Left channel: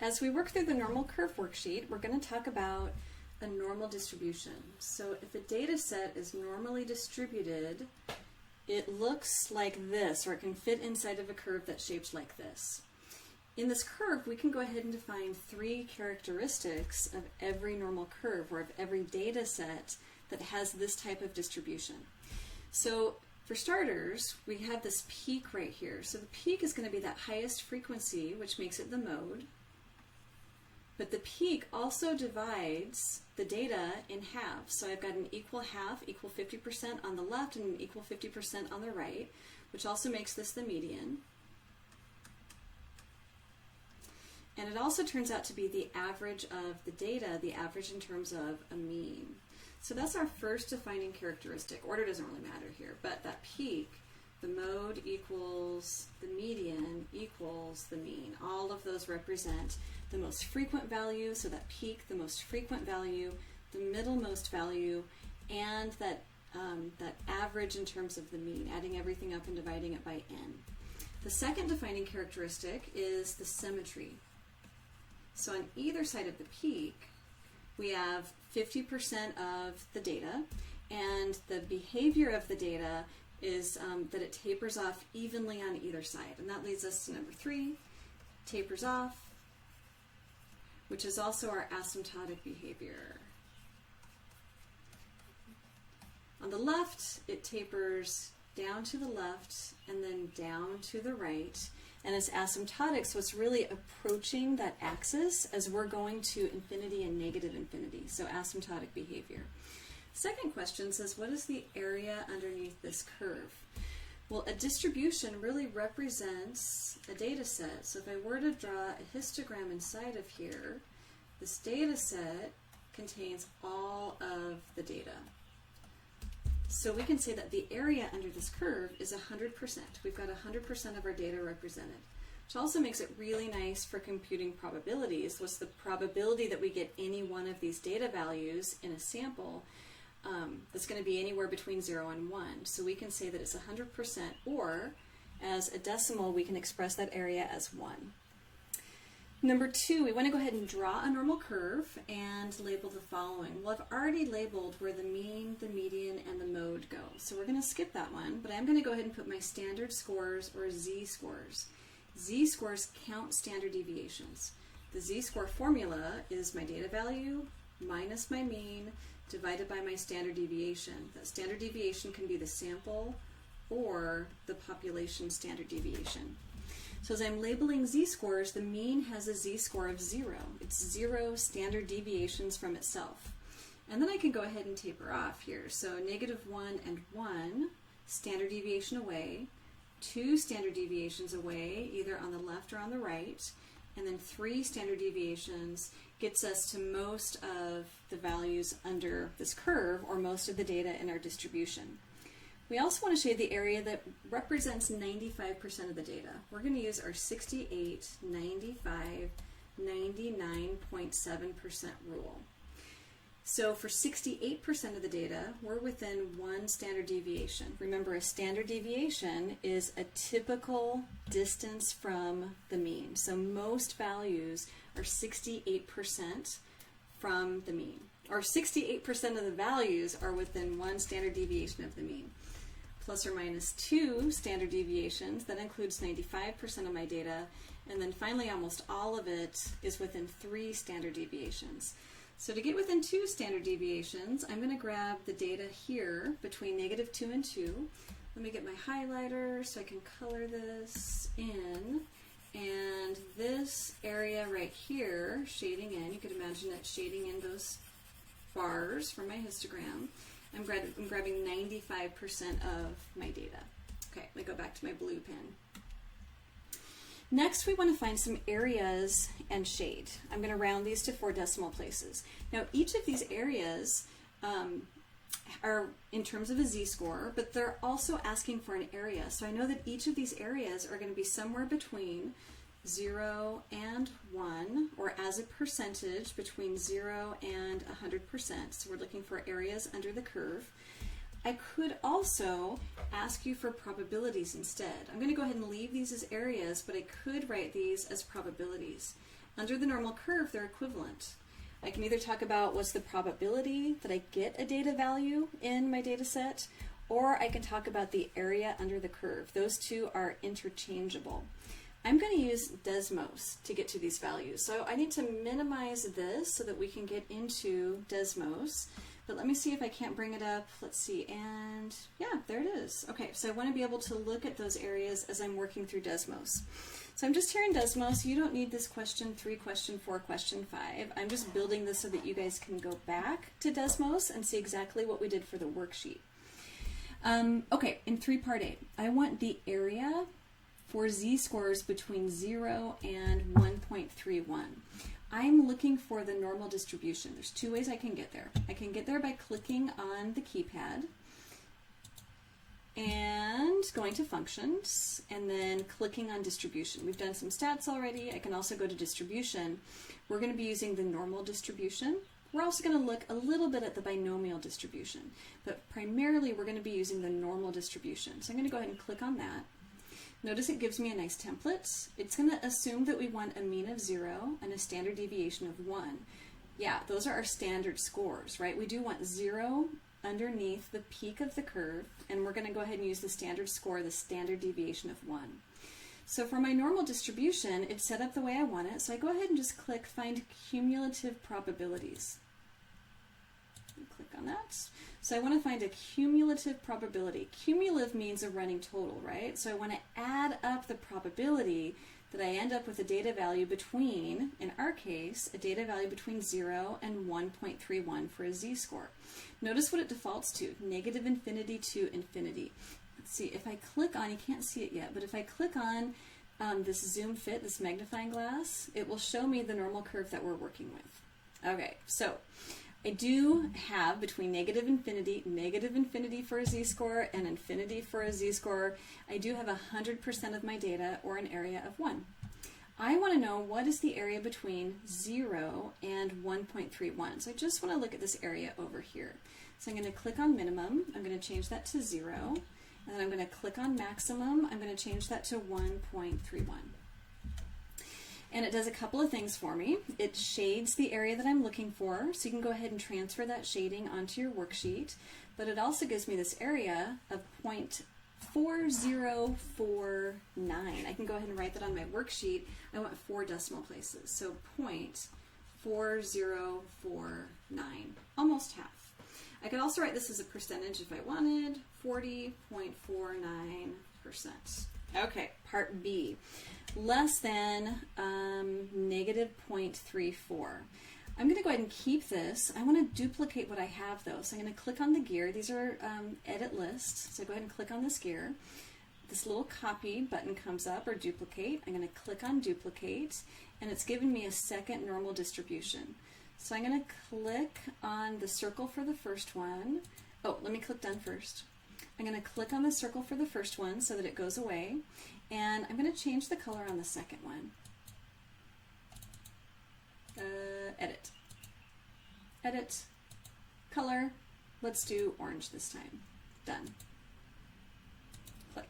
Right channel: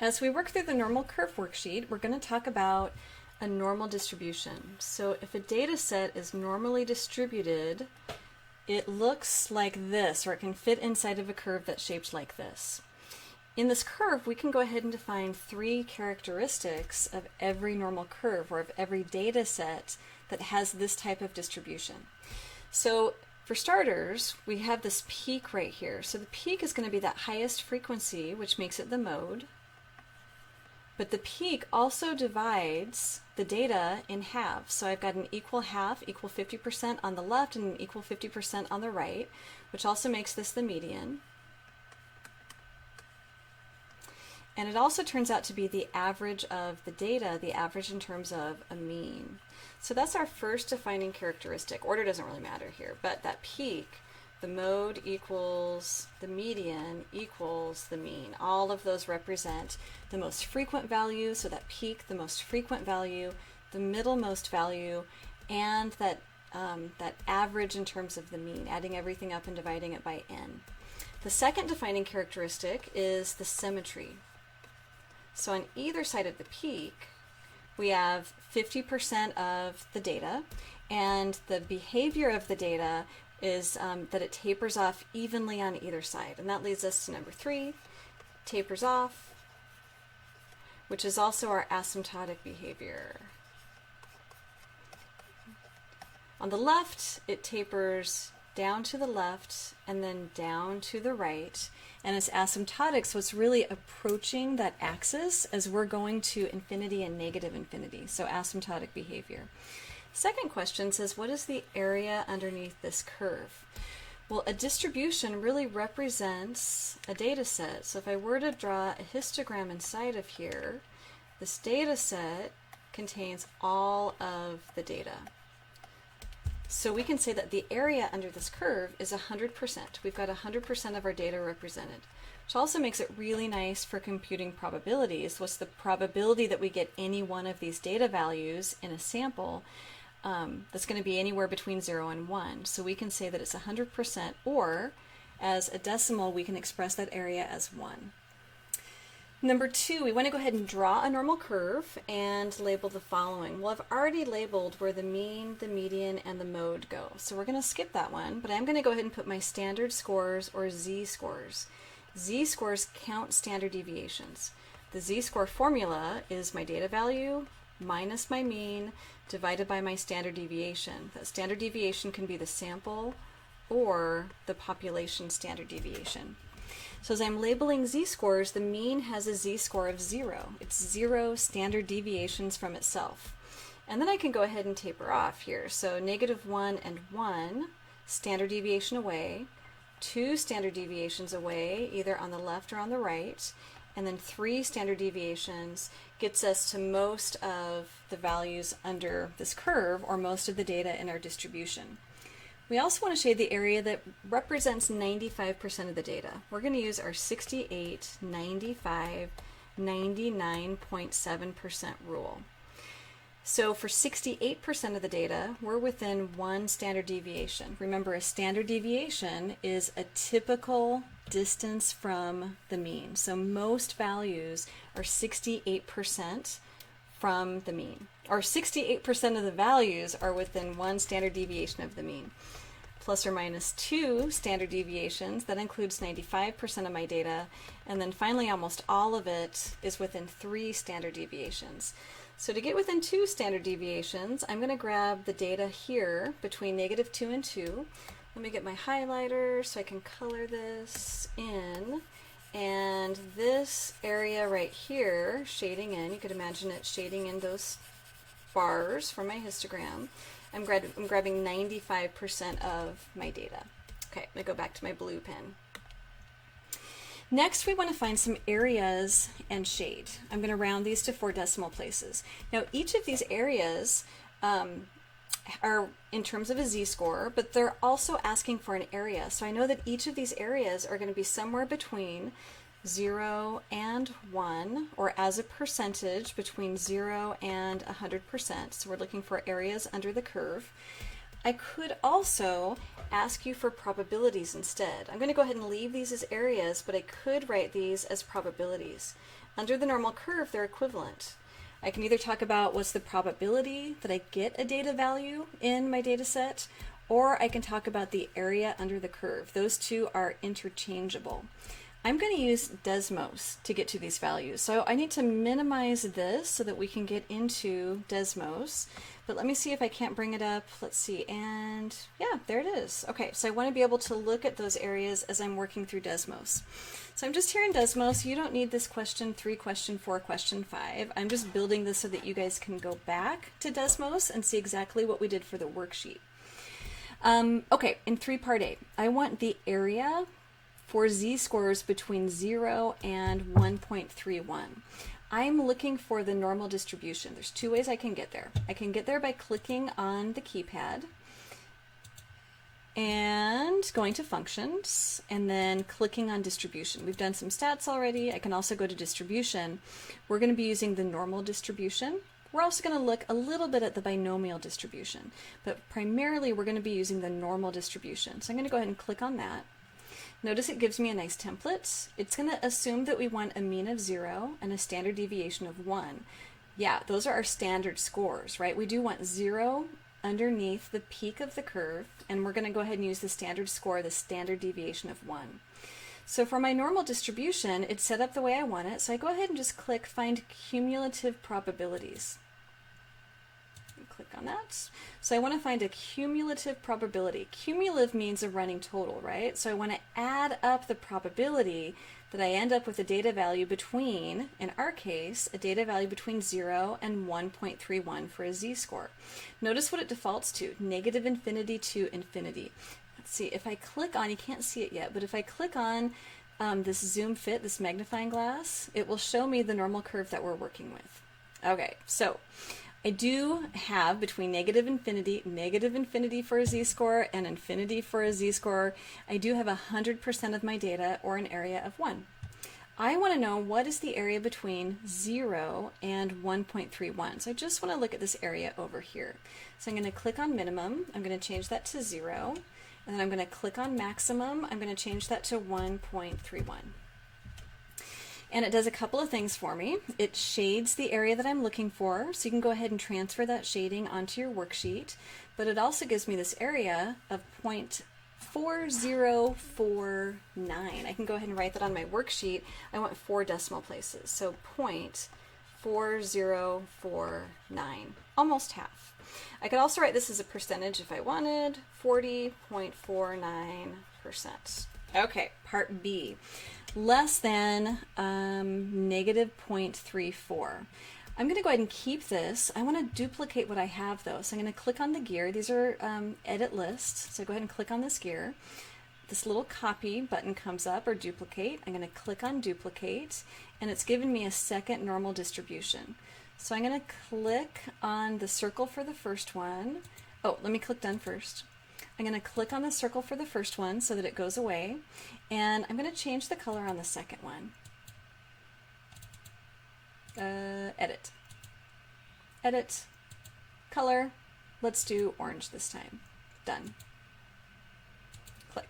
As we work through the normal curve worksheet, we're going to talk about a normal distribution. So if a data set is normally distributed, it looks like this, or it can fit inside of a curve that's shaped like this. In this curve, we can go ahead and define three characteristics of every normal curve, or of every data set that has this type of distribution. So for starters, we have this peak right here. So the peak is going to be that highest frequency, which makes it the mode. But the peak also divides the data in half. So I've got an equal half, equal 50% on the left, and an equal 50% on the right, which also makes this the median. And it also turns out to be the average of the data, the average in terms of a mean. So that's our first defining characteristic. Order doesn't really matter here, but that peak, the mode equals the median equals the mean. All of those represent the most frequent value, so that peak, the most frequent value, the middlemost value, and that average in terms of the mean, adding everything up and dividing it by n. The second defining characteristic is the symmetry. So on either side of the peak, we have 50% of the data, and the behavior of the data is that it tapers off evenly on either side. And that leads us to number 3, tapers off, which is also our asymptotic behavior. On the left, it tapers down to the left and then down to the right. And it's asymptotic, so it's really approaching that axis as we're going to infinity and negative infinity, so asymptotic behavior. Second question says, what is the area underneath this curve? Well, a distribution really represents a data set. So if I were to draw a histogram inside of here, this data set contains all of the data. So we can say that the area under this curve is 100%. We've got 100% of our data represented, which also makes it really nice for computing probabilities. What's the probability that we get any one of these data values in a sample that's going to be anywhere between 0 and 1. So we can say that it's 100%, or as a decimal, we can express that area as 1. Number 2, we want to go ahead and draw a normal curve and label the following. Well, I've already labeled where the mean, the median, and the mode go. So we're going to skip that one, but I'm going to go ahead and put my standard scores, or z-scores. Z-scores count standard deviations. The z-score formula is my data value minus my mean divided by my standard deviation. That standard deviation can be the sample or the population standard deviation. So as I'm labeling z-scores, the mean has a z-score of 0. It's 0 standard deviations from itself. And then I can go ahead and taper off here. So -1 and 1, standard deviation away, 2 standard deviations away, either on the left or on the right, and then 3 standard deviations gets us to most of the values under this curve, or most of the data in our distribution. We also want to shade the area that represents 95% of the data. We're going to use our 68, 95, 99.7% rule. So for 68% of the data, we're within 1 standard deviation. Remember, a standard deviation is a typical distance from the mean. So most values are 68% from the mean, or 68% of the values are within 1 standard deviation of the mean. Plus or minus 2 standard deviations, that includes 95% of my data, and then finally almost all of it is within 3 standard deviations. So to get within 2 standard deviations, I'm going to grab the data here between -2 and 2. Let me get my highlighter so I can color this in. And this area right here, shading in, you could imagine it shading in those bars from my histogram. I'm grabbing 95% of my data. Okay, I'm going to go back to my blue pen. Next, we want to find some areas and shade. I'm going to round these to 4 decimal places. Now, each of these areas are in terms of a z-score, but they're also asking for an area. So I know that each of these areas are going to be somewhere between 0 and 1, or as a percentage between 0 and 100%. So we're looking for areas under the curve. I could also ask you for probabilities instead. I'm going to go ahead and leave these as areas, but I could write these as probabilities. Under the normal curve, they're equivalent. I can either talk about what's the probability that I get a data value in my data set, or I can talk about the area under the curve. Those two are interchangeable. I'm going to use Desmos to get to these values. So I need to minimize this so that we can get into Desmos. But let me see if I can't bring it up. Let's see, and yeah, there it is. Okay, so I want to be able to look at those areas as I'm working through Desmos. So I'm just here in Desmos. You don't need this question 3, question 4, question 5. I'm just building this so that you guys can go back to Desmos and see exactly what we did for the worksheet. Okay, in 3 part A, I want the area for z-scores between 0 and 1.31. I'm looking for the normal distribution. There's 2 ways I can get there. I can get there by clicking on the keypad and going to functions and then clicking on distribution. We've done some stats already. I can also go to distribution. We're going to be using the normal distribution. We're also going to look a little bit at the binomial distribution, but primarily we're going to be using the normal distribution. So I'm going to go ahead and click on that. Notice it gives me a nice template. It's going to assume that we want a mean of 0 and a standard deviation of 1. Yeah, those are our standard scores, right? We do want 0 underneath the peak of the curve, and we're going to go ahead and use the standard score, the standard deviation of 1. So for my normal distribution, it's set up the way I want it, so I go ahead and just click Find Cumulative Probabilities. Click on that. So I want to find a cumulative probability. Cumulative means a running total, right? So I want to add up the probability that I end up with a data value between, in our case, a data value between 0 and 1.31 for a z-score. Notice what it defaults to, negative infinity to infinity. Let's see, if I click on, you can't see it yet, but if I click on this zoom fit, this magnifying glass, it will show me the normal curve that we're working with. Okay, so I do have between negative infinity for a z-score and infinity for a z-score, I do have 100% of my data, or an area of 1. I want to know what is the area between 0 and 1.31. So I just want to look at this area over here. So I'm going to click on minimum, I'm going to change that to 0, and then I'm going to click on maximum, I'm going to change that to 1.31. And it does a couple of things for me. It shades the area that I'm looking for, so you can go ahead and transfer that shading onto your worksheet. But it also gives me this area of 0.4049. I can go ahead and write that on my worksheet. I want 4 decimal places, so 0.4049, almost half. I could also write this as a percentage if I wanted, 40.49%. Okay, part B. Less than negative 0.34. I'm going to go ahead and keep this. I want to duplicate what I have though. So I'm going to click on the gear. These are edit lists. So go ahead and click on this gear. This little copy button comes up, or duplicate. I'm going to click on duplicate, and it's given me a second normal distribution. So I'm going to click on the circle for the first one. Oh, let me click done first. I'm going to click on the circle for the first one so that it goes away. And I'm going to change the color on the second one. Edit. Edit. Color. Let's do orange this time. Done. Click.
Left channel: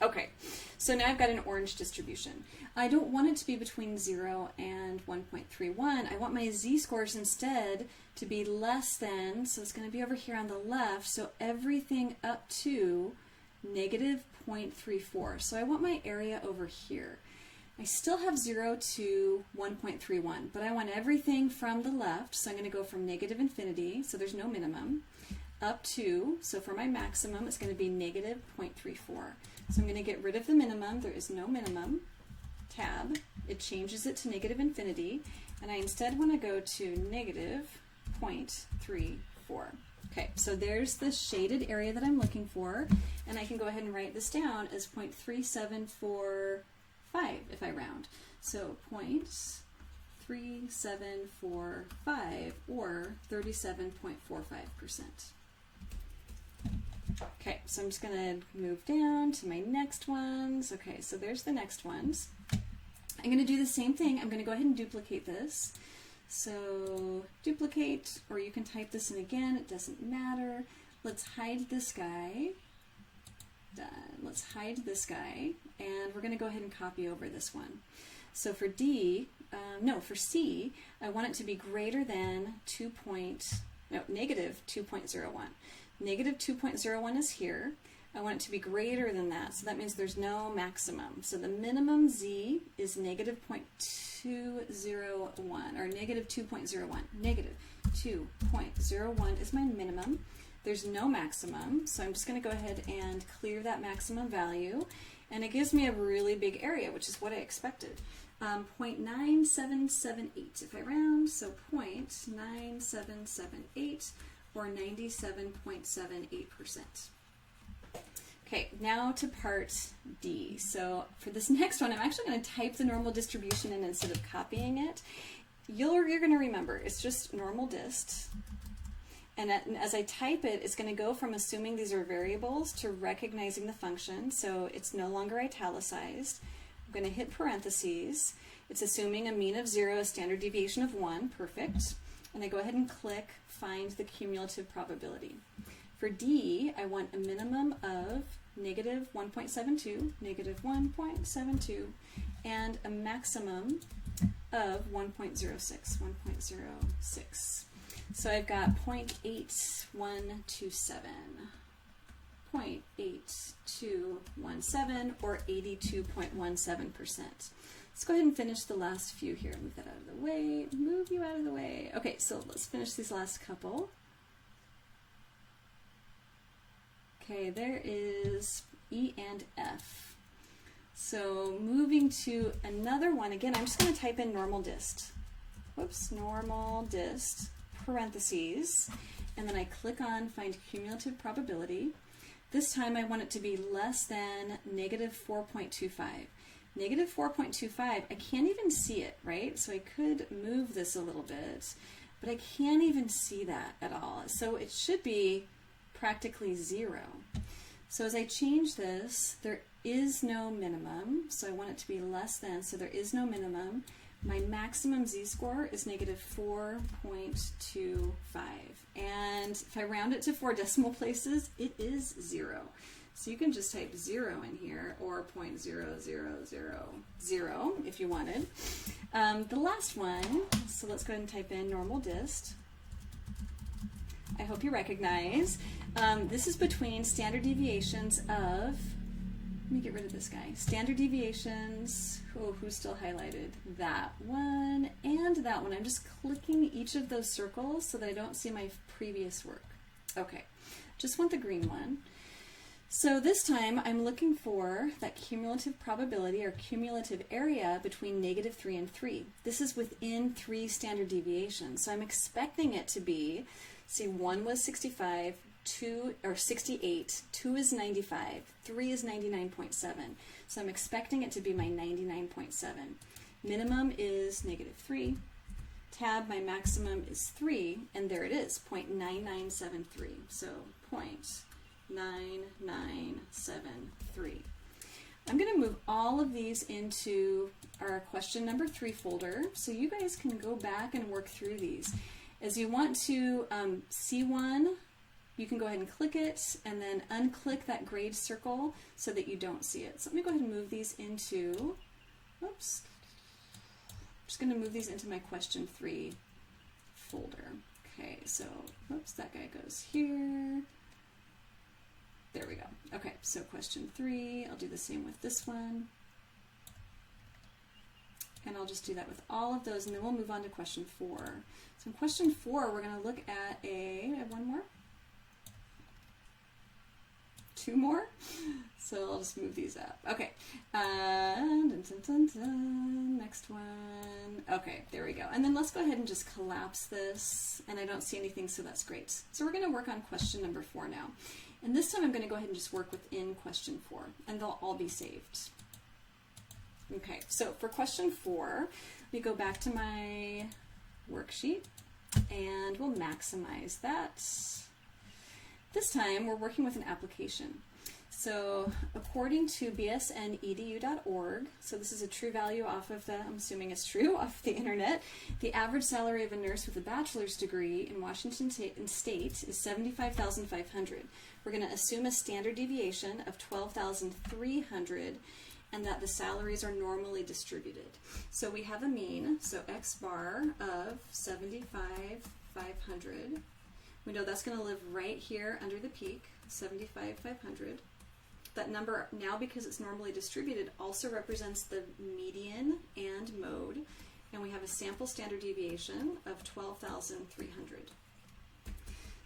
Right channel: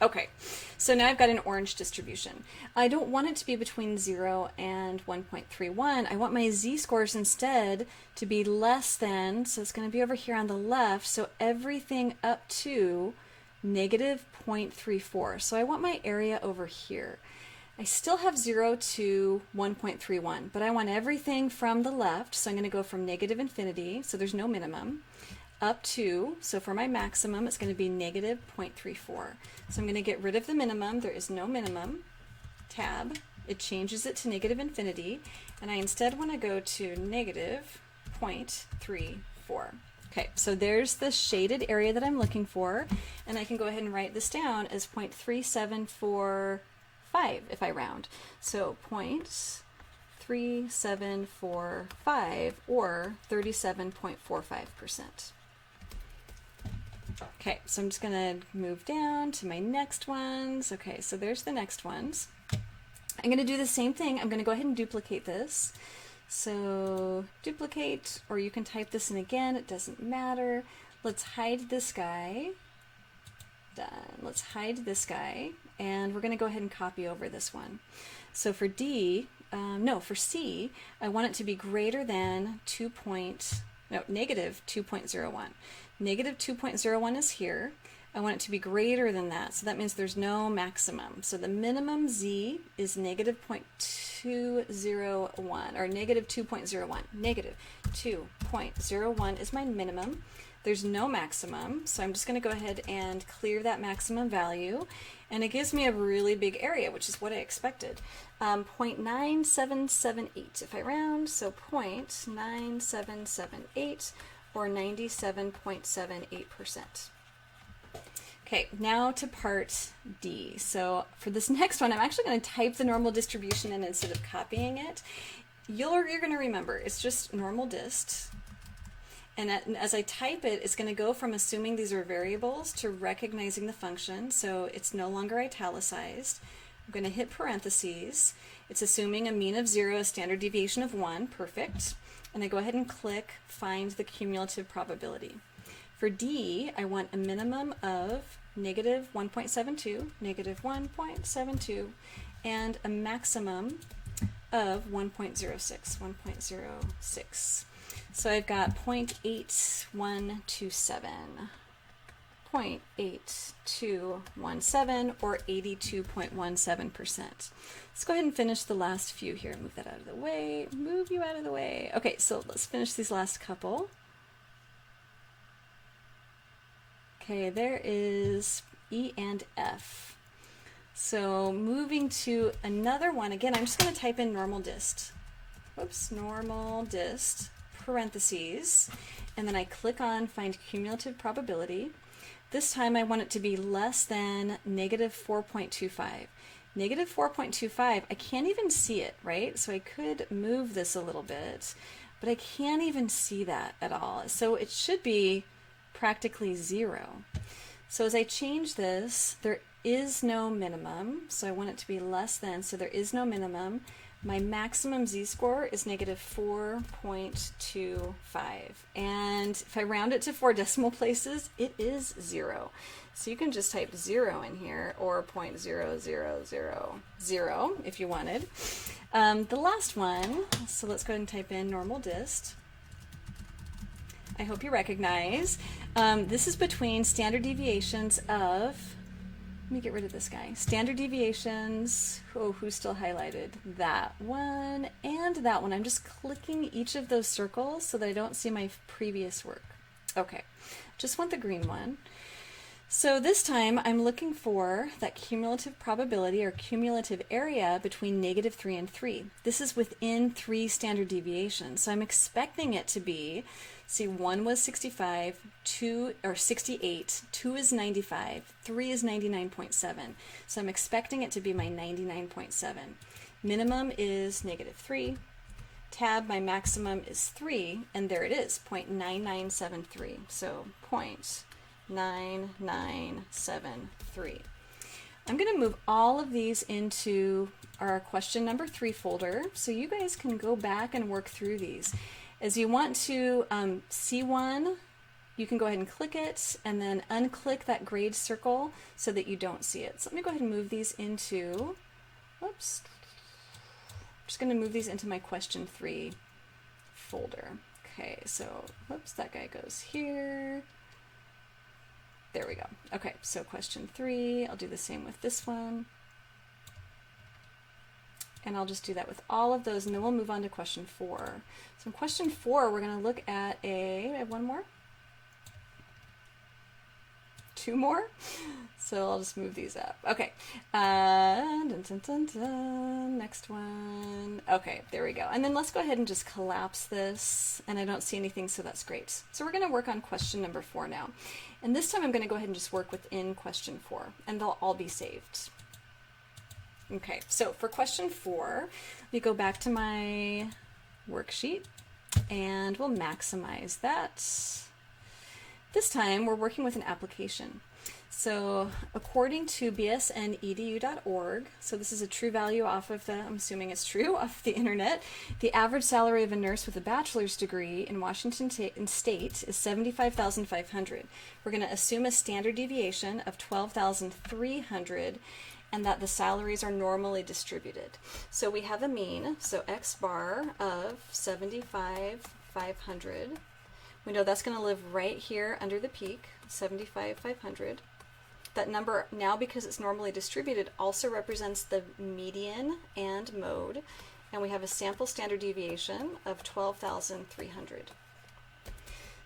Okay, so now I've got an orange distribution. I don't want it to be between 0 and 1.31. I want my z-scores instead to be less than, so it's going to be over here on the left, so everything up to negative 0.34. So I want my area over here. I still have 0 to 1.31, but I want everything from the left, so I'm going to go from negative infinity, so there's no minimum, up to, so for my maximum, it's going to be negative 0.34. So I'm going to get rid of the minimum. There is no minimum. Tab. It changes it to negative infinity, and I instead want to go to negative 0.34. Okay, so there's the shaded area that I'm looking for, and I can go ahead and write this down as 0.3745 if I round. So 0.3745, or 37.45%. Okay, so I'm just going to move down to my next ones. Okay, so there's the next ones. I'm going to do the same thing. I'm going to go ahead and duplicate this. So duplicate, or you can type this in again, it doesn't matter. let's hide this guy. Done. Let's hide this guy, and we're going to go ahead and copy over this one. So for for C, I want it to be greater than negative 2.01. Negative 2.01 is here. I want it to be greater than that, so that means there's no maximum. So the minimum Z is negative 0.201, or negative 2.01. Negative 2.01 is my minimum. There's no maximum, so I'm just going to go ahead and clear that maximum value, and it gives me a really big area, which is what I expected. 0.9778 if I round, so 0.9778, or 97.78%. Okay, now to part D. So for this next one, I'm actually going to type the normal distribution in instead of copying it. You're going to remember, it's just normal dist. And as I type it, it's going to go from assuming these are variables to recognizing the function, so it's no longer italicized. I'm going to hit parentheses. It's assuming a mean of 0, a standard deviation of 1, perfect. And I go ahead and click Find the Cumulative Probability. For D, I want a minimum of negative 1.72, negative 1.72, and a maximum of 1.06, 1.06. So I've got 0.8127, 0.8217, or 82.17%. Let's go ahead and finish the last few here. Move that out of the way. Move you out of the way. Okay, so let's finish these last couple. Okay, there is E and F. So moving to another one, again, I'm just going to type in normal dist. Whoops, normal dist, parentheses, and then I click on Find Cumulative Probability. This time I want it to be less than negative 4.25. Negative 4.25, I can't even see it, right? So I could move this a little bit, but I can't even see that at all. So it should be practically 0. So as I change this, there is no minimum, so I want it to be less than, so there is no minimum. My maximum z-score is negative 4.25, and if I round it to 4 decimal places, it is 0. So you can just type 0 in here, or 0.0000 if you wanted. The last one, so let's go ahead and type in normal dist. I hope you recognize. This is between standard deviations of, let me get rid of this guy. Standard deviations, who's still highlighted? That one and that one. I'm just clicking each of those circles so that I don't see my previous work. Okay, just want the green one. So this time I'm looking for that cumulative probability or cumulative area between negative 3 and 3. This is within 3 standard deviations. So I'm expecting it to be, see, 1 was 65, 2 or 68, 2 is 95, 3 is 99.7. So I'm expecting it to be my 99.7. Minimum is negative 3. Tab, my maximum is 3, and there it is, 0.9973. So 0.9973. I'm going to move all of these into our question number 3 folder, so you guys can go back and work through these. As you want to see one, you can go ahead and click it and then unclick that grayed circle so that you don't see it. So let me go ahead and move these into, whoops, I'm just going to move these into my question 3 folder. Okay, so whoops, that guy goes here. There we go. Okay, so question 3, I'll do the same with this one. And I'll just do that with all of those, and then we'll move on to question 4. So in question 4, we're going to look at I have one more? 2 more? So I'll just move these up. Okay, next one. Okay, there we go. And then let's go ahead and just collapse this, and I don't see anything, so that's great. So we're going to work on question number 4 now. And this time I'm going to go ahead and just work within question 4, and they'll all be saved. Okay, so for question 4, we go back to my worksheet, and we'll maximize that. This time we're working with an application. So according to bsnedu.org, so this is a true value off of the, I'm assuming it's true, off the internet, the average salary of a nurse with a bachelor's degree in Washington State is $75,500. We're going to assume a standard deviation of 12,300 and that the salaries are normally distributed. So we have a mean, so X bar of 75,500. We know that's going to live right here under the peak, 75,500. That number now, because it's normally distributed, also represents the median and mode, and we have a sample standard deviation of 12,300.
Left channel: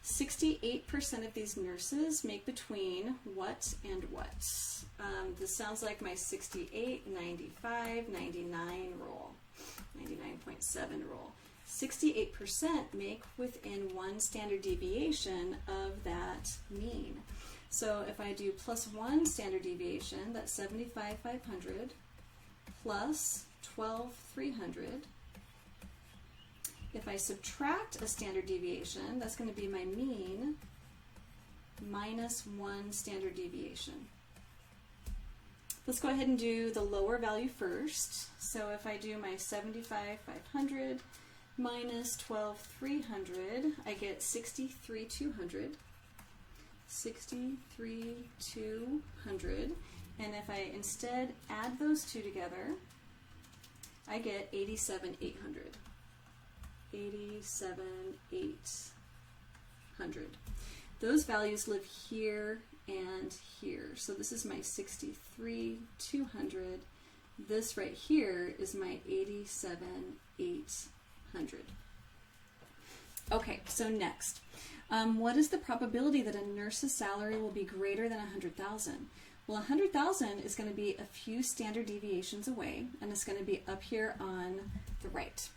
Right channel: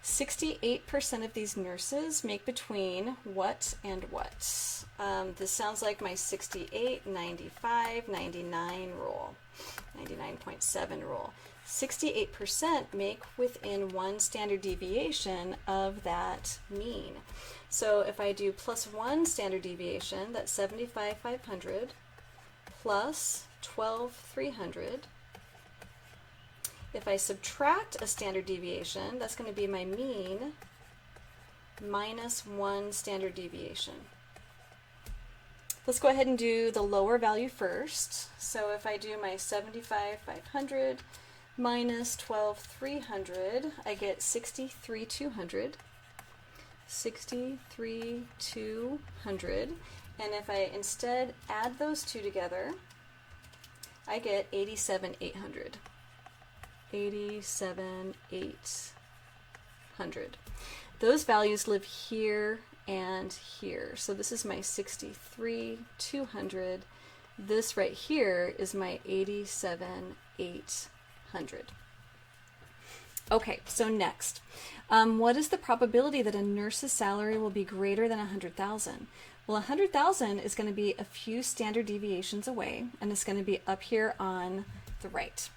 68% of these nurses make between what and what? This sounds like my 68, 95, 99 rule, 99.7 rule. 68% make within one standard deviation of that mean. So if I do plus 1 standard deviation, that's 75,500 plus 12,300. If I subtract a standard deviation, that's going to be my mean minus 1 standard deviation. Let's go ahead and do the lower value first. So if I do my 75,500 minus 12,300, I get 63,200. 63,200. And if I instead add those two together, I get 87,800. 87,800. Those values live here and here. So this is my 63,200. This right here is my 87,800. Okay, so next. What is the probability that a nurse's salary will be greater than 100,000? Well, 100,000 is going to be a few standard deviations away, and it's going to be up here on the right.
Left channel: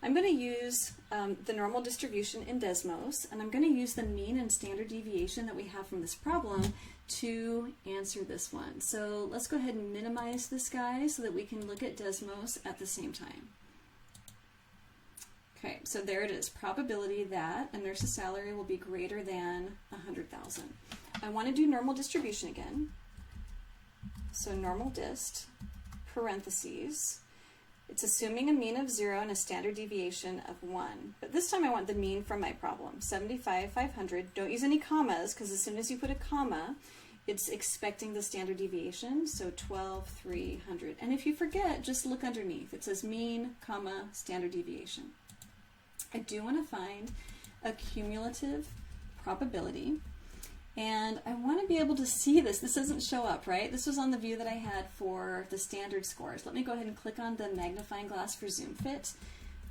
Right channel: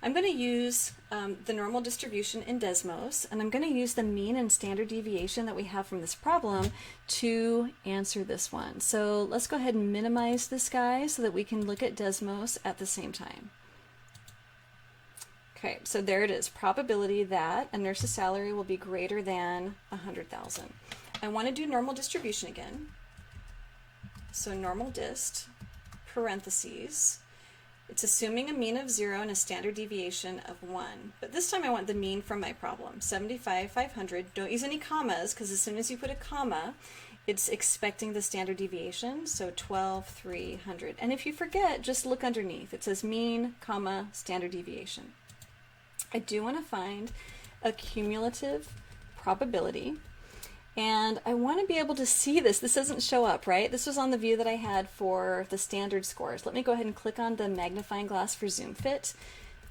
I'm going to use the normal distribution in Desmos, and I'm going to use the mean and standard deviation that we have from this problem to answer this one. So let's go ahead and minimize this guy so that we can look at Desmos at the same time. Okay, so there it is, probability that a nurse's salary will be greater than 100,000. I want to do normal distribution again. So normal dist, parentheses. It's assuming a mean of 0 and a standard deviation of 1. But this time I want the mean from my problem, 75,500. Don't use any commas, because as soon as you put a comma, it's expecting the standard deviation, so 12,300. And if you forget, just look underneath. It says mean, comma, standard deviation. I do want to find a cumulative probability, and I want to be able to see this. This doesn't show up, right? This was on the view that I had for the standard scores. Let me go ahead and click on the magnifying glass for zoom fit.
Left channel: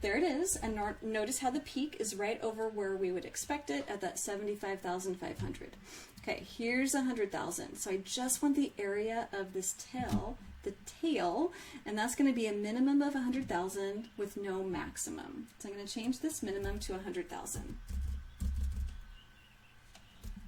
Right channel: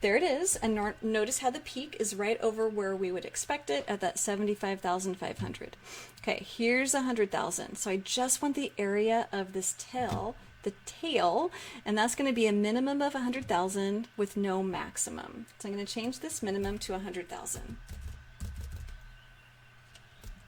There it is, and notice how the peak is right over where we would expect it at that 75,500. Okay, here's 100,000. So I just want the area of this tail, and that's going to be a minimum of 100,000 with no maximum. So I'm going to change this minimum to 100,000.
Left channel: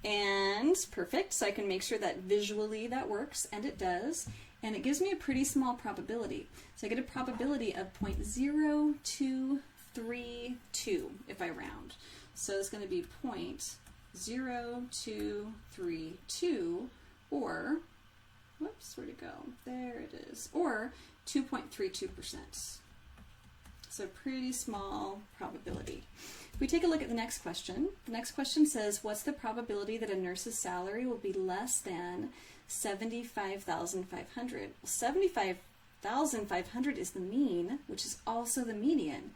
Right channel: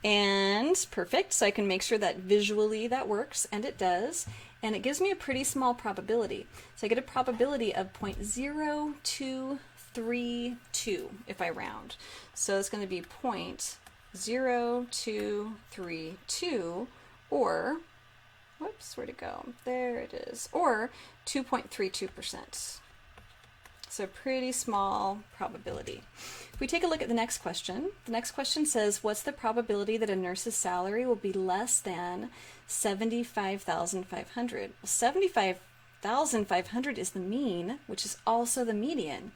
And perfect, so I can make sure that visually that works, and it does. And it gives me a pretty small probability. So I get a probability of 0.0232 if I round. So it's going to be 0.0232, or whoops, where'd it go? There it is. Or 2.32%. So pretty small probability. If we take a look at the next question says, what's the probability that a nurse's salary will be less than 75,500? Well, 75,500 is the mean, which is also the median.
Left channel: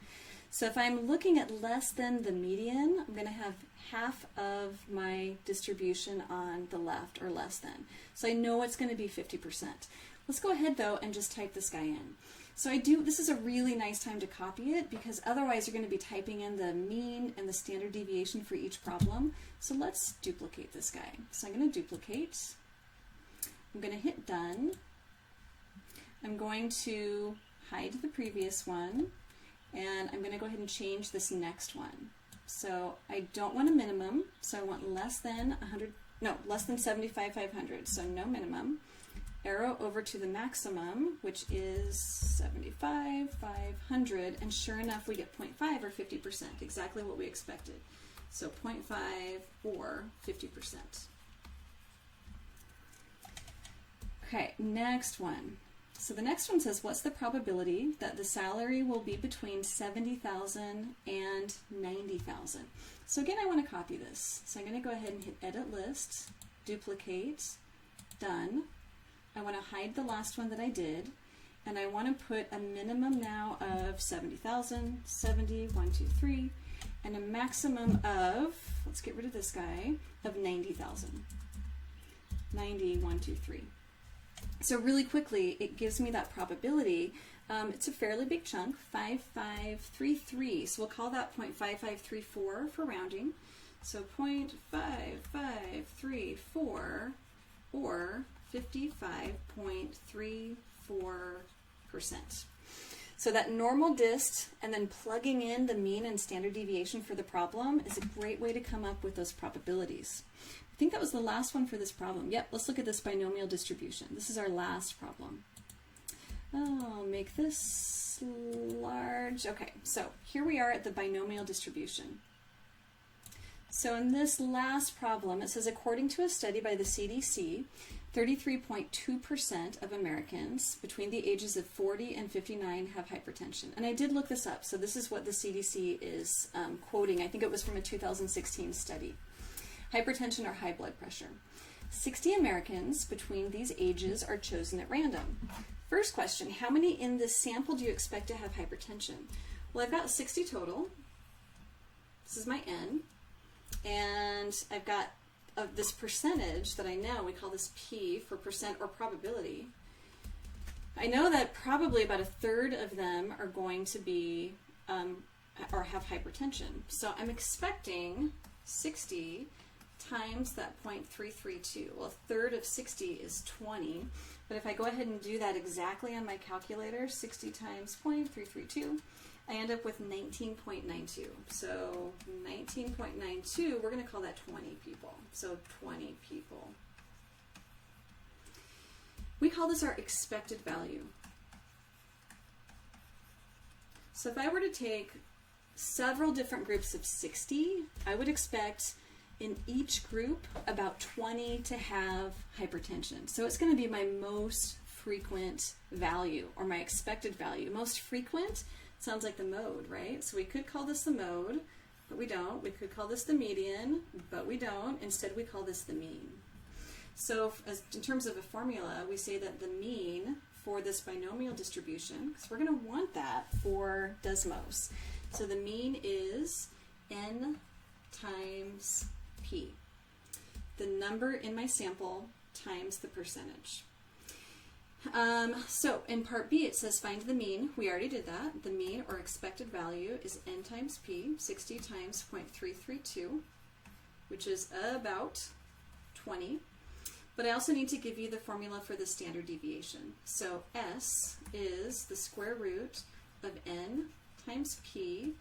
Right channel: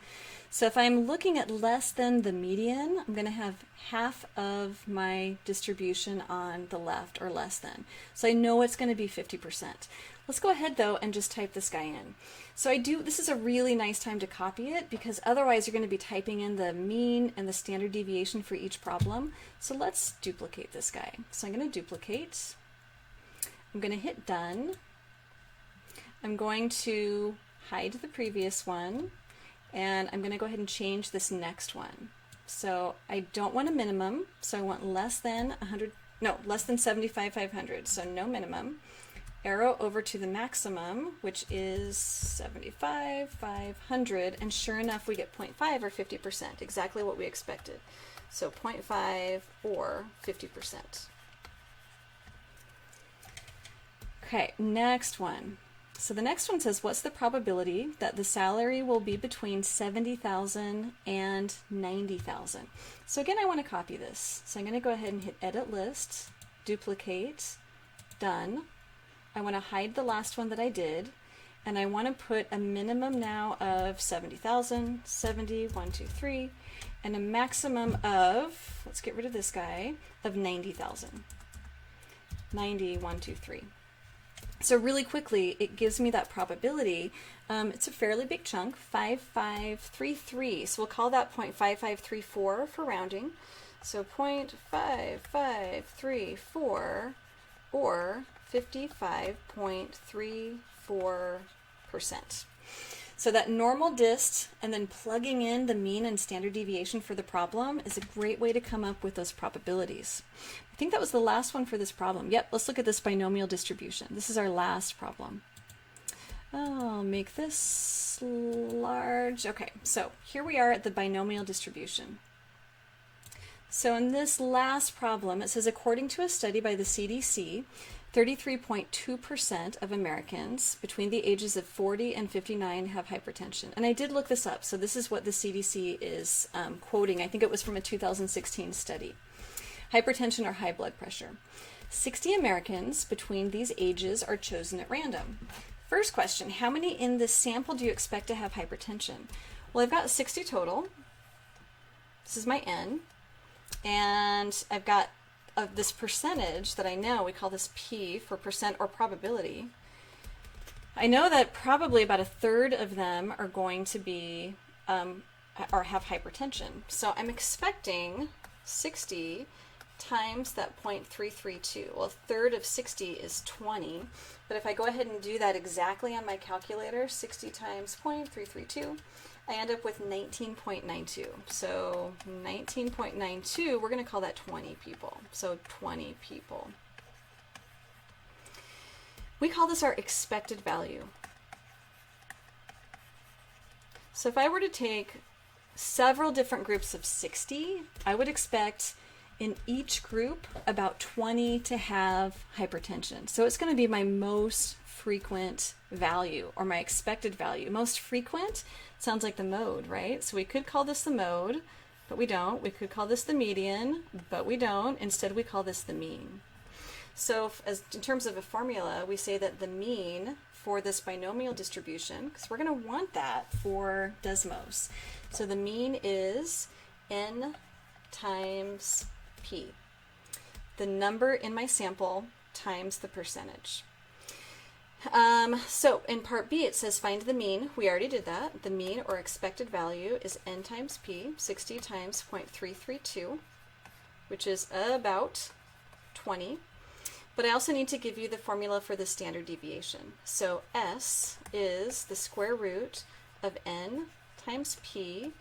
So if I'm looking at less than the median, I'm going to have half of my distribution on the left, or less than. So I know it's going to be 50%. Let's go ahead though and just type this guy in. So this is a really nice time to copy it, because otherwise you're going to be typing in the mean and the standard deviation for each problem. So let's duplicate this guy. So I'm going to duplicate. I'm going to hit done. I'm going to hide the previous one. And I'm going to go ahead and change this next one. So I don't want a minimum, so I want less than 75,500, so no minimum. Arrow over to the maximum, which is 75,500, and sure enough we get 0.5 or 50%, exactly what we expected. So 0.5 or 50%. Okay, next one. So the next one says, what's the probability that the salary will be between 70,000 and 90,000? So again, I want to copy this. So I'm going to go ahead and hit Edit List, Duplicate, Done. I want to hide the last one that I did, and I want to put a minimum now of 70,000, 70, 1, 2, 3, and a maximum of, let's get rid of this guy, of 90,000. 90, 1, 2, 3. So really quickly, it gives me that probability. It's a fairly big chunk, 5533. So we'll call that 0.5534 for rounding. So 0.5534 or 55.34%. So that normal dist and then plugging in the mean and standard deviation for the problem is a great way to come up with those probabilities. I think that was the last one for this problem. Yep, let's look at this binomial distribution. This is our last problem. I'll make this large. Okay, so here we are at the binomial distribution. So in this last problem, it says, according to a study by the CDC, 33.2% of Americans between the ages of 40 and 59 have hypertension. And I did look this up, so this is what the CDC is quoting. I think it was from a 2016 study. Hypertension or high blood pressure. 60 Americans between these ages are chosen at random. First question, how many in this sample do you expect to have hypertension? Well, I've got 60 total. This is my N. And I've got this percentage that I know, we call this P for percent or probability. I know that probably about a third of them are going to be or have hypertension. So I'm expecting 60 times that 0.332. Well, a third of 60 is 20. But if I go ahead and do that exactly on my calculator, 60 times 0.332, I end up with 19.92. So 19.92, we're going to call that 20 people. So 20 people. We call this our expected value. So if I were to take several different groups of 60, I would expect in each group about 20 to have hypertension. So it's going to be my most frequent value, or my expected value. Most frequent sounds like the mode, right? So we could call this the mode, but we don't. We could call this the median, but we don't. Instead, we call this the mean. So as in terms of a formula, we say that the mean for this binomial distribution, because we're going to want that for Desmos. So the mean is N times P. The number in my sample times the percentage. So in part B, it says find the mean. We already did that. The mean or expected value is N times P, 60 times 0.332, which is about 20. But I also need to give you the formula for the standard deviation. So S is the square root of N times P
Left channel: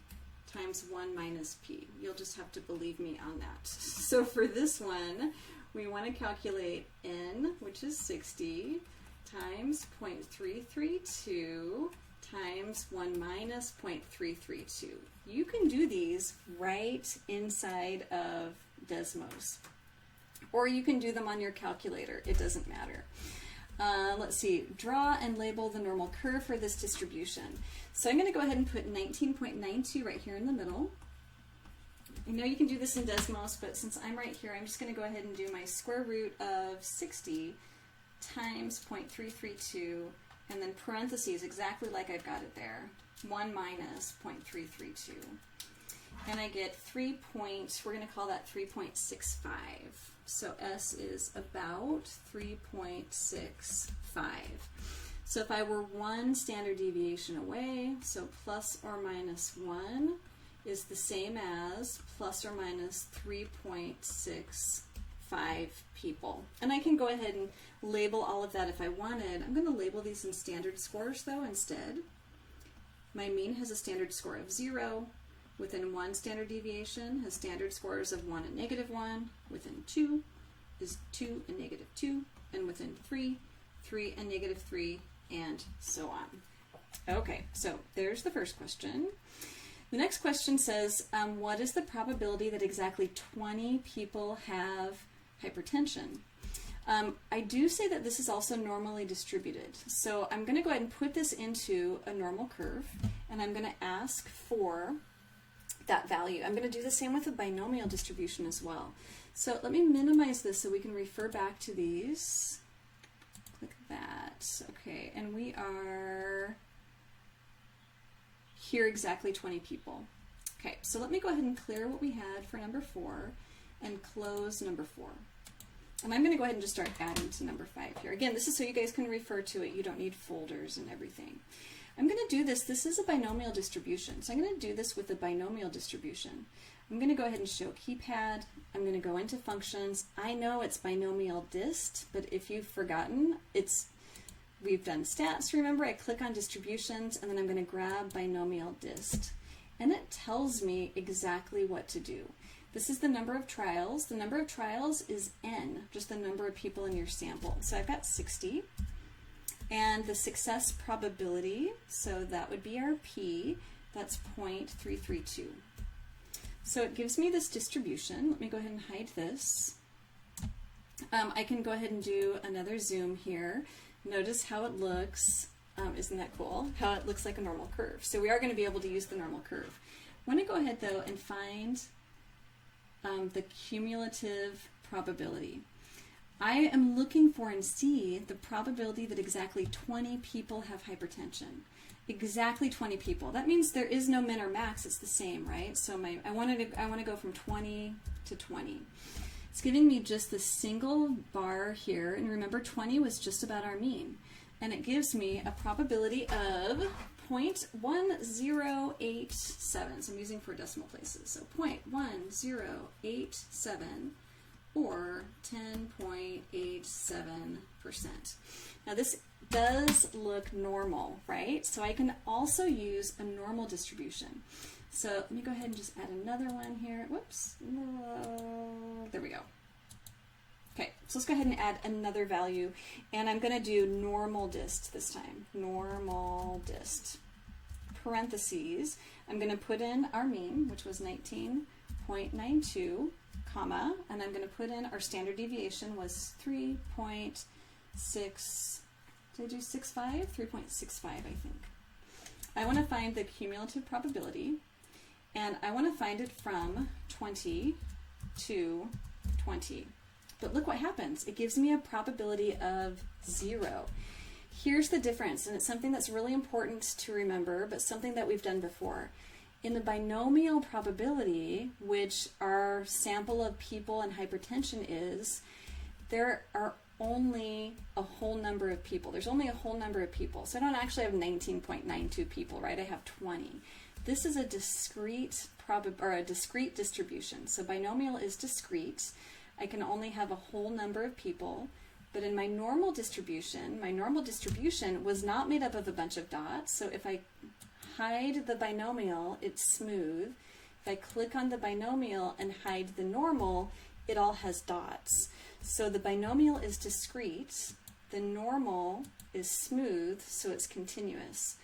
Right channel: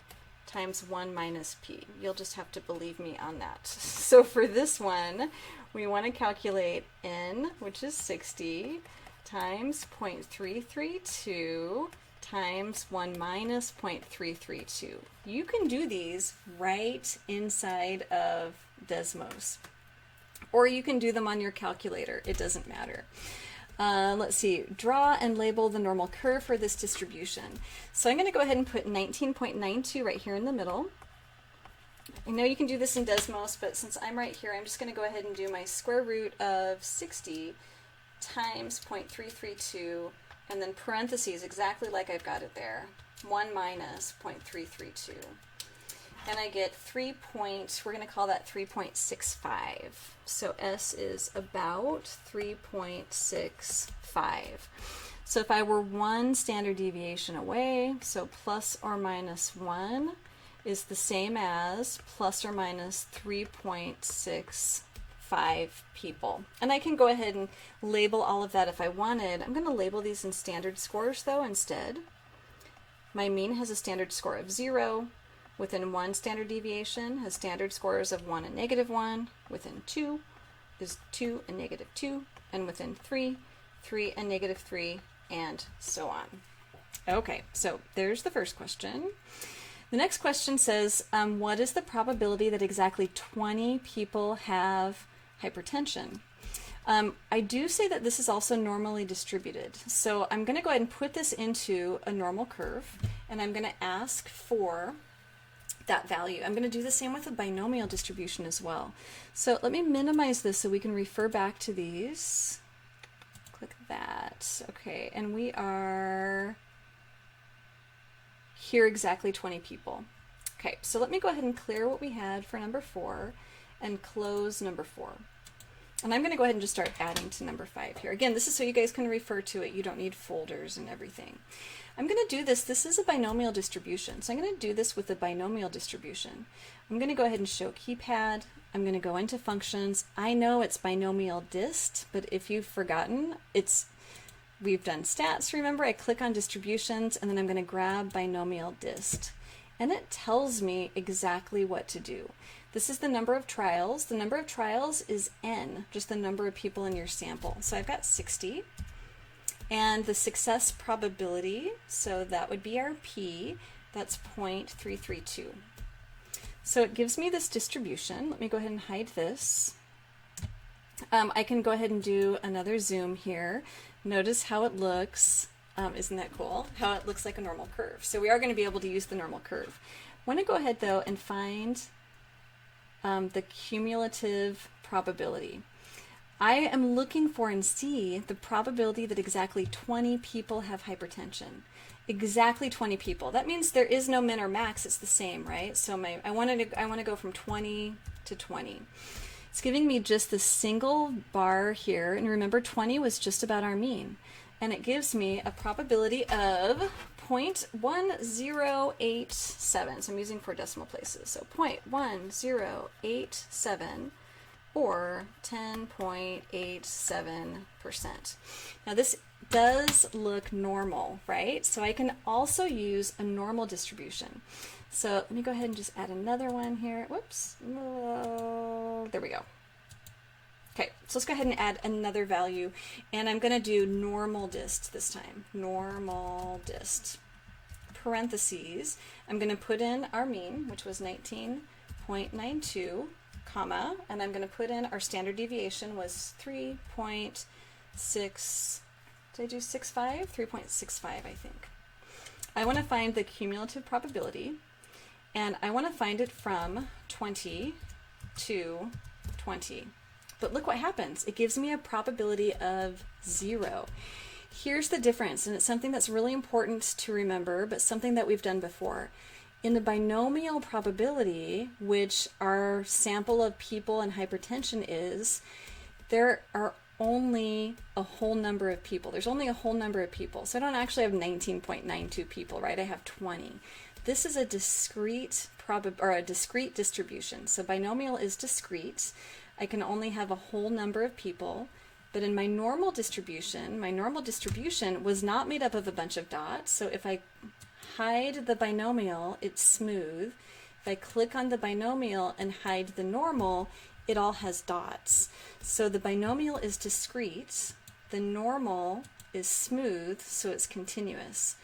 times 1 minus P. You'll just have to believe me on that. So for this one, we want to calculate N, which is 60, times 0.332 times 1 minus 0.332. You can do these right inside of Desmos, or you can do them on your calculator. It doesn't matter. Let's see, draw and label the normal curve for this distribution. So I'm going to go ahead and put 19.92 right here in the middle. I know you can do this in Desmos, but since I'm right here, I'm just going to go ahead and do my square root of 60 times 0.332, and then parentheses, exactly like I've got it there, 1 minus 0.332. And I get we're going to call that 3.65. So S is about 3.65. So if I were one standard deviation away, so plus or minus 1 is the same as plus or minus 3.65 people. And I can go ahead and label all of that if I wanted. I'm going to label these in standard scores though instead. My mean has a standard score of 0. Within 1 standard deviation has standard scores of 1 and -1. Within 2 is 2 and -2. And within 3, 3 and -3, and so on. Okay, so there's the first question. The next question says, what is the probability that exactly 20 people have hypertension? I do say that this is also normally distributed. So I'm going to go ahead and put this into a normal curve, and I'm going to ask for that value. I'm going to do the same with a binomial distribution as well. So let me minimize this so we can refer back to these. Click that. Okay, and we are here exactly 20 people. Okay, so let me go ahead and clear what we had for number 4 and close number 4. And I'm going to go ahead and just start adding to number 5 here. Again, this is so you guys can refer to it. You don't need folders and everything. I'm going to do this. This is a binomial distribution. So I'm going to do this with a binomial distribution. I'm going to go ahead and show keypad. I'm going to go into functions. I know it's binomial dist, but if you've forgotten, we've done stats. Remember, I click on distributions, and then I'm going to grab binomial dist. And it tells me exactly what to do. This is the number of trials. The number of trials is n, just the number of people in your sample. So I've got 60. And the success probability, so that would be our p, that's 0.332. So it gives me this distribution. Let me go ahead and hide this. I can go ahead and do another zoom here. Notice how it looks. Isn't that cool? How it looks like a normal curve. So we are going to be able to use the normal curve. I want to go ahead though and find the cumulative probability. I am looking for and see the probability that exactly 20 people have hypertension. Exactly 20 people. That means there is no min or max, it's the same, right? So I want to go from 20 to 20. It's giving me just the single bar here, and remember 20 was just about our mean. And it gives me a probability of 0.1087. So I'm using 4 decimal places. So 0.1087 or 10.87%. Now this does look normal, right? So I can also use a normal distribution. So let me go ahead and just add another one here. Whoops. There we go. Okay, so let's go ahead and add another value, and I'm going to do normal dist this time. Normal dist. Parentheses. I'm going to put in our mean, which was 19.92, comma, and I'm going to put in our standard deviation was 3.6. Did I do 6.5? 3.65, I think. I want to find the cumulative probability, and I want to find it from 20 to 20. But look what happens. It gives me a probability of 0. Here's the difference, and it's something that's really important to remember, but something that we've done before. In the binomial probability, which our sample of people and hypertension is, there are only a whole number of people. There's only a whole number of people. So I don't actually have 19.92 people, right? I have 20. This is a discrete discrete distribution. So binomial is discrete. I can only have a whole number of people, but in my normal distribution was not made up of a bunch of dots. So if I hide the binomial, it's smooth. If I click on the binomial and hide the normal, it all has dots. So the binomial is discrete, the normal is smooth, so it's continuous.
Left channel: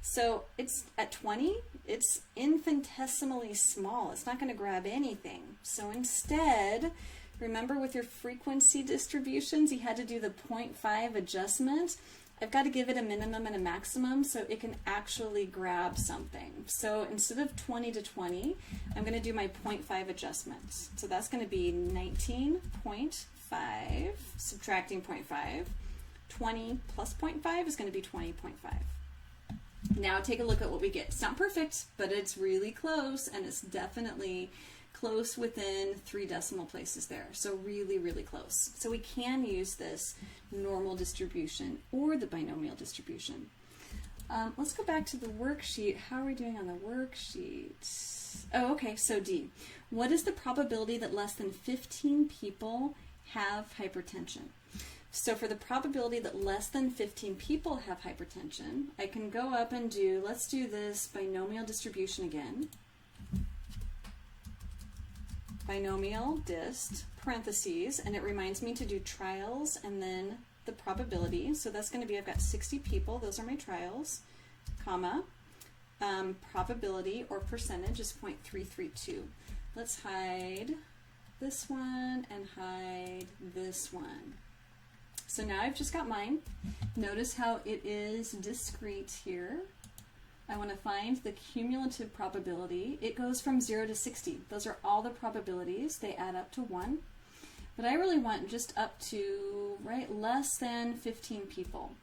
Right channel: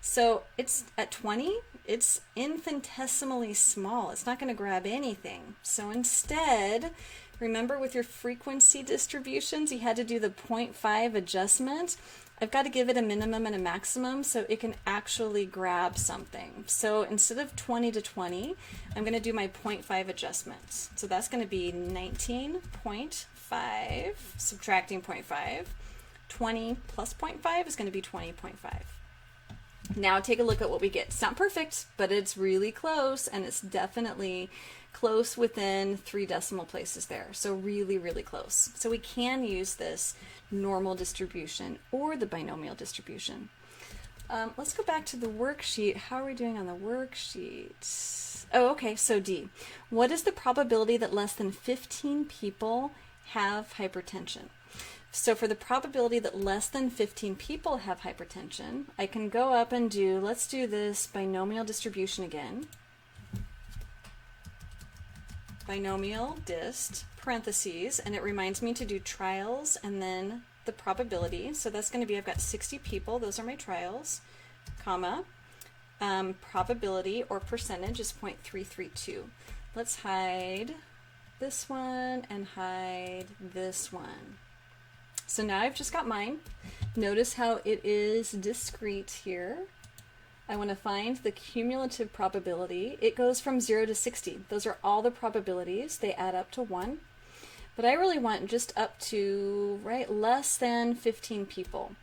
So it's at 20, it's infinitesimally small. It's not going to grab anything. So instead, remember with your frequency distributions, you had to do the 0.5 adjustment. I've got to give it a minimum and a maximum so it can actually grab something. So instead of 20 to 20, I'm going to do my 0.5 adjustments. So that's going to be 19.5, subtracting 0.5. 20 plus 0.5 is going to be 20.5. Now take a look at what we get. It's not perfect, but it's really close, and it's definitely close within 3 decimal places there. So really, really close. So we can use this normal distribution or the binomial distribution. Let's go back to the worksheet. How are we doing on the worksheet? Oh, okay, so D. What is the probability that less than 15 people have hypertension? So for the probability that less than 15 people have hypertension, I can go up and do, let's do this binomial distribution again. Binomial dist, parentheses, and it reminds me to do trials and then the probability. So that's going to be, I've got 60 people, those are my trials, comma, probability or percentage is 0.332. Let's hide this one and hide this one. So now I've just got mine. Notice how it is discrete here. I want to find the cumulative probability. It goes from 0 to 60. Those are all the probabilities. They add up to 1. But I really want just up to, right, less than 15 people.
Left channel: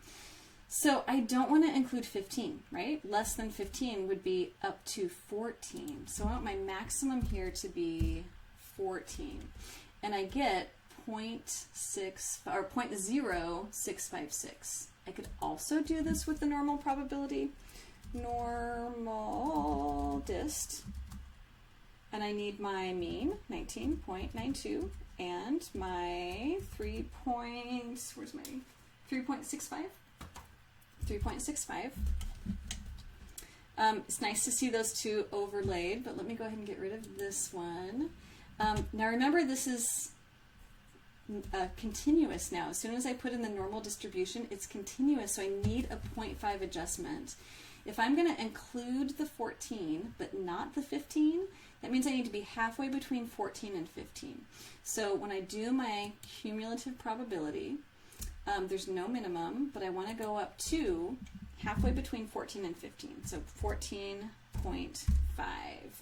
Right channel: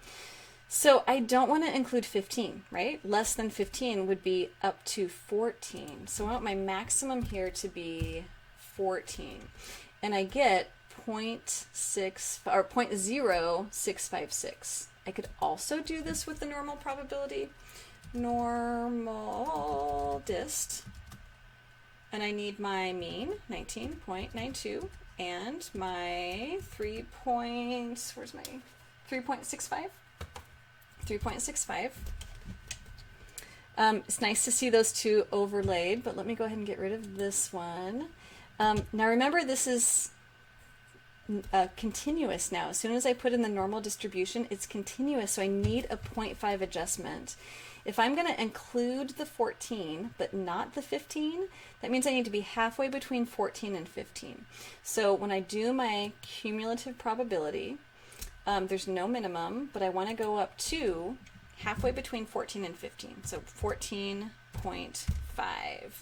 So I don't want to include 15, right? Less than 15 would be up to 14. So I want my maximum here to be 14. And I get 0.6 or 0.0656. I could also do this with the normal probability. Normal dist. And I need my mean, 19.92, and my 3.65? 3.65. It's nice to see those two overlaid, but let me go ahead and get rid of this one. Now remember, this is continuous now. As soon as I put in the normal distribution, it's continuous, so I need a 0.5 adjustment. If I'm going to include the 14, but not the 15, that means I need to be halfway between 14 and 15. So when I do my cumulative probability, there's no minimum, but I want to go up to halfway between 14 and 15. So 14.5,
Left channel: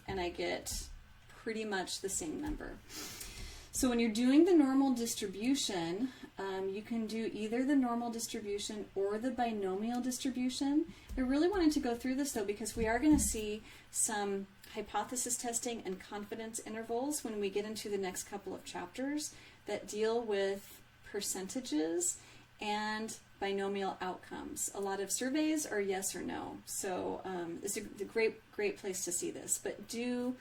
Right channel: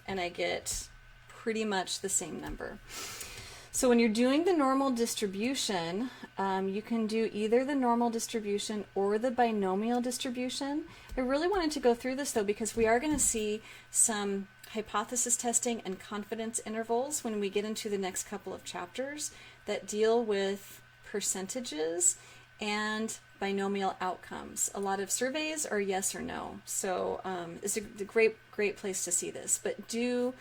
and I get pretty much the same number. So when you're doing the normal distribution, you can do either the normal distribution or the binomial distribution. I really wanted to go through this though because we are going to see some hypothesis testing and confidence intervals when we get into the next couple of chapters that deal with percentages and binomial outcomes. A lot of surveys are yes or no. So it's a great place to see this. But do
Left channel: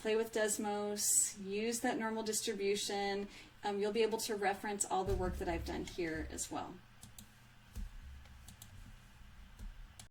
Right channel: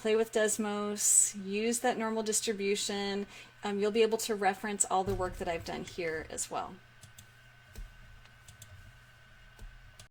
play with Desmos, use that normal distribution. You'll be able to reference all the work that I've done here as well.